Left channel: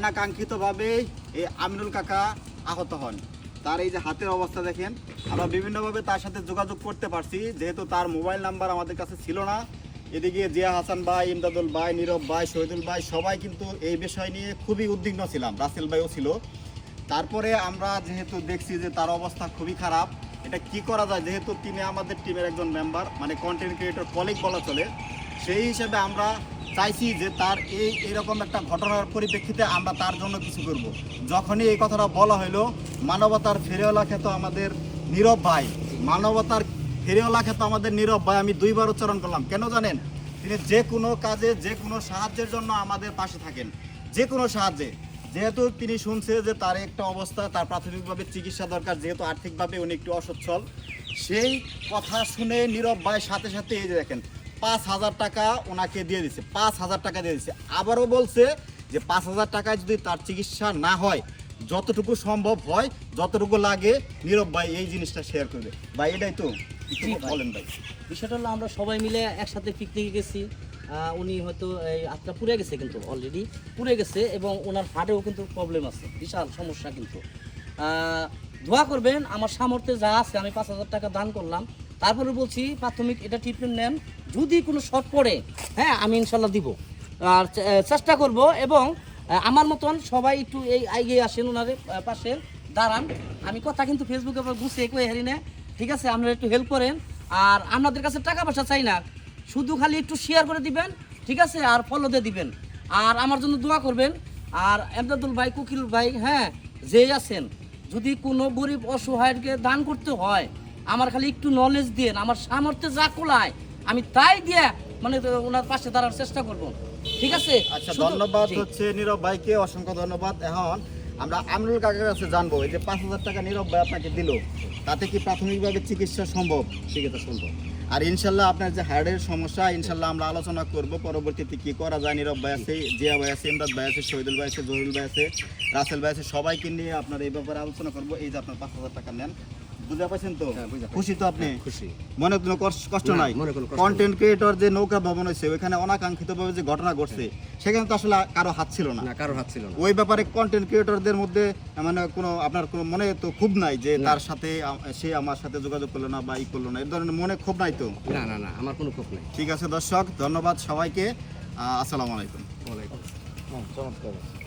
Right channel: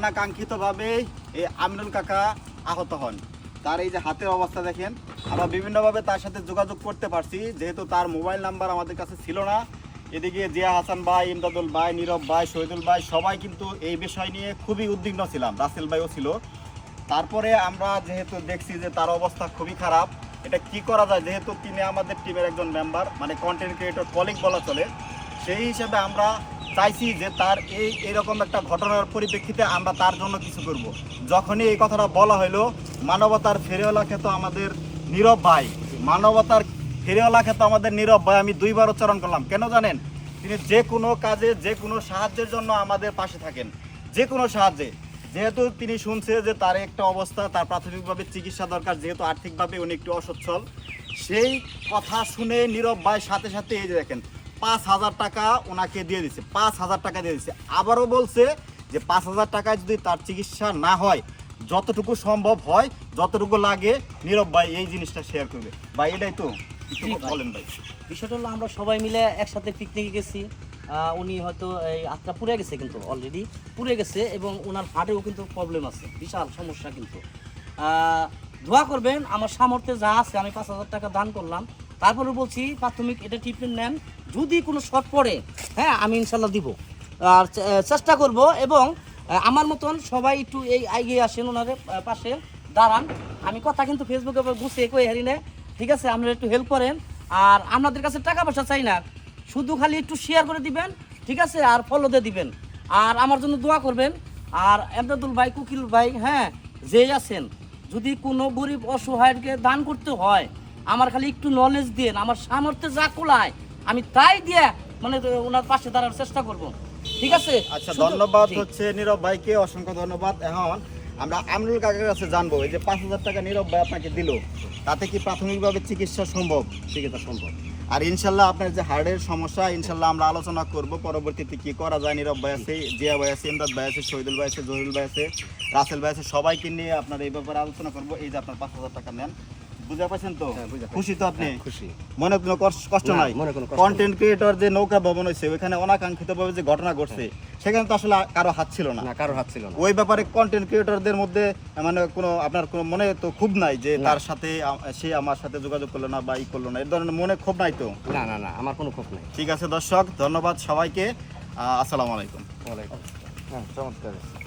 অনাকাঙ্ক্ষিতভাবে এই আমিনুল কাকা আহত হন। তার এই যে হাতের অবস্থা দেখেন, আমরা বিভিন্নভাবে তার সাথে যোগাযোগ করতে পারছি, যেহেতু তার মোবাইল নাম্বার আমাদের কাছে ছিল না। এদিকে জিয়া হাসান ভাই, ইমদাদুল ভাই, নীরব ভাই, শহীদুল ভাই সবাই কিন্তু এই বিষয় নিয়ে খুবই উদ্বিগ্ন ছিলাম, রাসেল ভাইও ছিল। তারপরে আমরা যেহেতু দেখছি যে তার অবস্থা খুবই খারাপ, এটা কি করা যায়, যেহেতু তিনি আমাদের টিমের একজন মেম্বার, মানে কন্টেন্ট ক্রিয়েটর কলিগ বলা চলে, সেই হিসাবে আমরা চাইছি যে তার এইরকম একটা ঘটনার পরিপ্রেক্ষিতে আমরা তার জন্য কিছু করব। যখনই এই কথাটা বলা হলো, মানবতার ফেরিওয়ালা খ্যাত আমাদের নীরব ভাই, মানবতার ফেরিওয়ালা খ্যাত আমাদের নীরব ভাই, আমি দুইবার উচ্চারণ করলাম, কেন জানেন? তিনি যে কোনো কাজে, যে কোনো সাহায্যের জন্য আমাদের পাশে থাকেন, যে কোনো সাহায্যে। যেহেতু তিনি শুনছে যে তার একটা অবস্থা, তার প্রাথমিকভাবে চিকিৎসা দরকার, যেহেতু আর্থিকভাবে উনি একটু অসচ্ছল, সেই কথা শুনে নীরব ভাই সাথে সাথে এই যে দেখেন 5,000 টাকা ওনাকে দিয়ে দিচ্ছে, 5,000 টাকা দিয়ে দিচ্ছে। আবারও বলছে যে 5,000 টাকায় যদি তার চিকিৎসা না হয়, যতটুকু সম্ভব হয়, যতটুকু লাগে, নীরব ভাই এই জিনিসটা শেয়ার করবে। ভাই এটাই তো বলেন ভাই। বিষয়টা হলো আমরা সবাই মিলে একসাথে পিকনিকে গেছি। উনি হয়তো এই আত্মা পুড়ে গেছে, কিন্তু অলরেডি পুড়ে গেছে, এবং ওনার হার্টেও কিন্তু প্রবলেম আছে, বিশাল সমস্যা। কিন্তু দোয়া করবেন, আমার সামর্থ্যে যা আছে আমি 5,000 টাকা দান করলাম। তারপরে বলছি প্রাথমিক এটা ট্রিটমেন্ট নেন, যদি কোনো শর্ট পড়ে, হ্যাঁ আমি ইনশাল্লাহ দিব, আর চেষ্টা করব। এবং আমার মতন সবাই একটু এই এগিয়ে আসেন, ওনাদের পাশে দাঁড়ান। আমি কথা কিন্তু ফেসবুকে গুছিয়ে কই হারি না, ঠিক আছে? আপনারা একটু হেল্প করেন। আর আপনাদের কাছে টাকা পয়সা চাই না, শুধু খালি একটু শেয়ার করে দিবেন, ঠিক আছে? আর ফলো দিয়ে দিবেন, আর আমার জন্য দোয়া করবেন। আর এমদাদুল ভাই, কুকিল ভাই, হ্যাঁ যে আছেন, যদি কোনো গরিব অসহায়কে দান করতে হয়, আমার খালি একটু নলেজ দিন, আমার সামর্থ্যে যা কোলায় আমি তাই দিয়ে মানে ওনার পাশে দাঁড়ার চেষ্টা করব, ঠিক আছে? আচ্ছা, ধন্যবাদ হচ্ছে নীরব ভাইকে, অসংখ্য ধন্যবাদ। এখন আমরা আমিনুল কাকার কাছে জানবো, এই যে 5,000 টাকা নীরব ভাই আপনাকে দিল, তাতে কি প্রাথমিকভাবে চিকিৎসা সম্ভব? চিকিৎসা সম্ভব। আর ইনশাল্লাহ আপনার যে হার্টের সমস্যা, ইনশাল্লাহ আমরা আলোচনা করব পরবর্তীতে কি করা যায়। নীরব ভাই আছে, জিয়া ভাই আছে, ইমদাদ ভাই আছে, শহীদুল ভাই আছে, জহিরুল ভাই আছে, রাসেল ভাই আছে, সবাইকে নিয়ে আপনার এই ব্যাপারে আলোচনা করব। এই যে আপনার 5,000 টাকা নেন, বুঝতে পারছেন তো? খুশি তো আপনি? খুশি, মনে কোনো কষ্ট নাই? কন্টেন্ট ক্রিয়েটর যে নৌকা ভবন হয়েছে, ওইখানে অনাকাঙ্ক্ষিতভাবে যে ঘটনা ঘটছে, সেখানে তো আসলে কারো হাত ছিল না, কারোর হাত ছিল না। ওই ব্যাপারে কন্টেন্ট ক্রিয়েটরদের মধ্যে মানে কোনো আপনার কোনো মনে তো ক্ষোভ নাই যে তার সাথে সে আমার সাথে যোগাযোগ করলো না বা ই করলো না, এর ধরনের মনে ক্ষোভ নাই তো? না না না, আমার কোনো ক্ষোভ নাই। ঠিক আছে দর্শক, ধন্যবাদ সবাইকে, আসসালামু আলাইকুম। চমৎকার।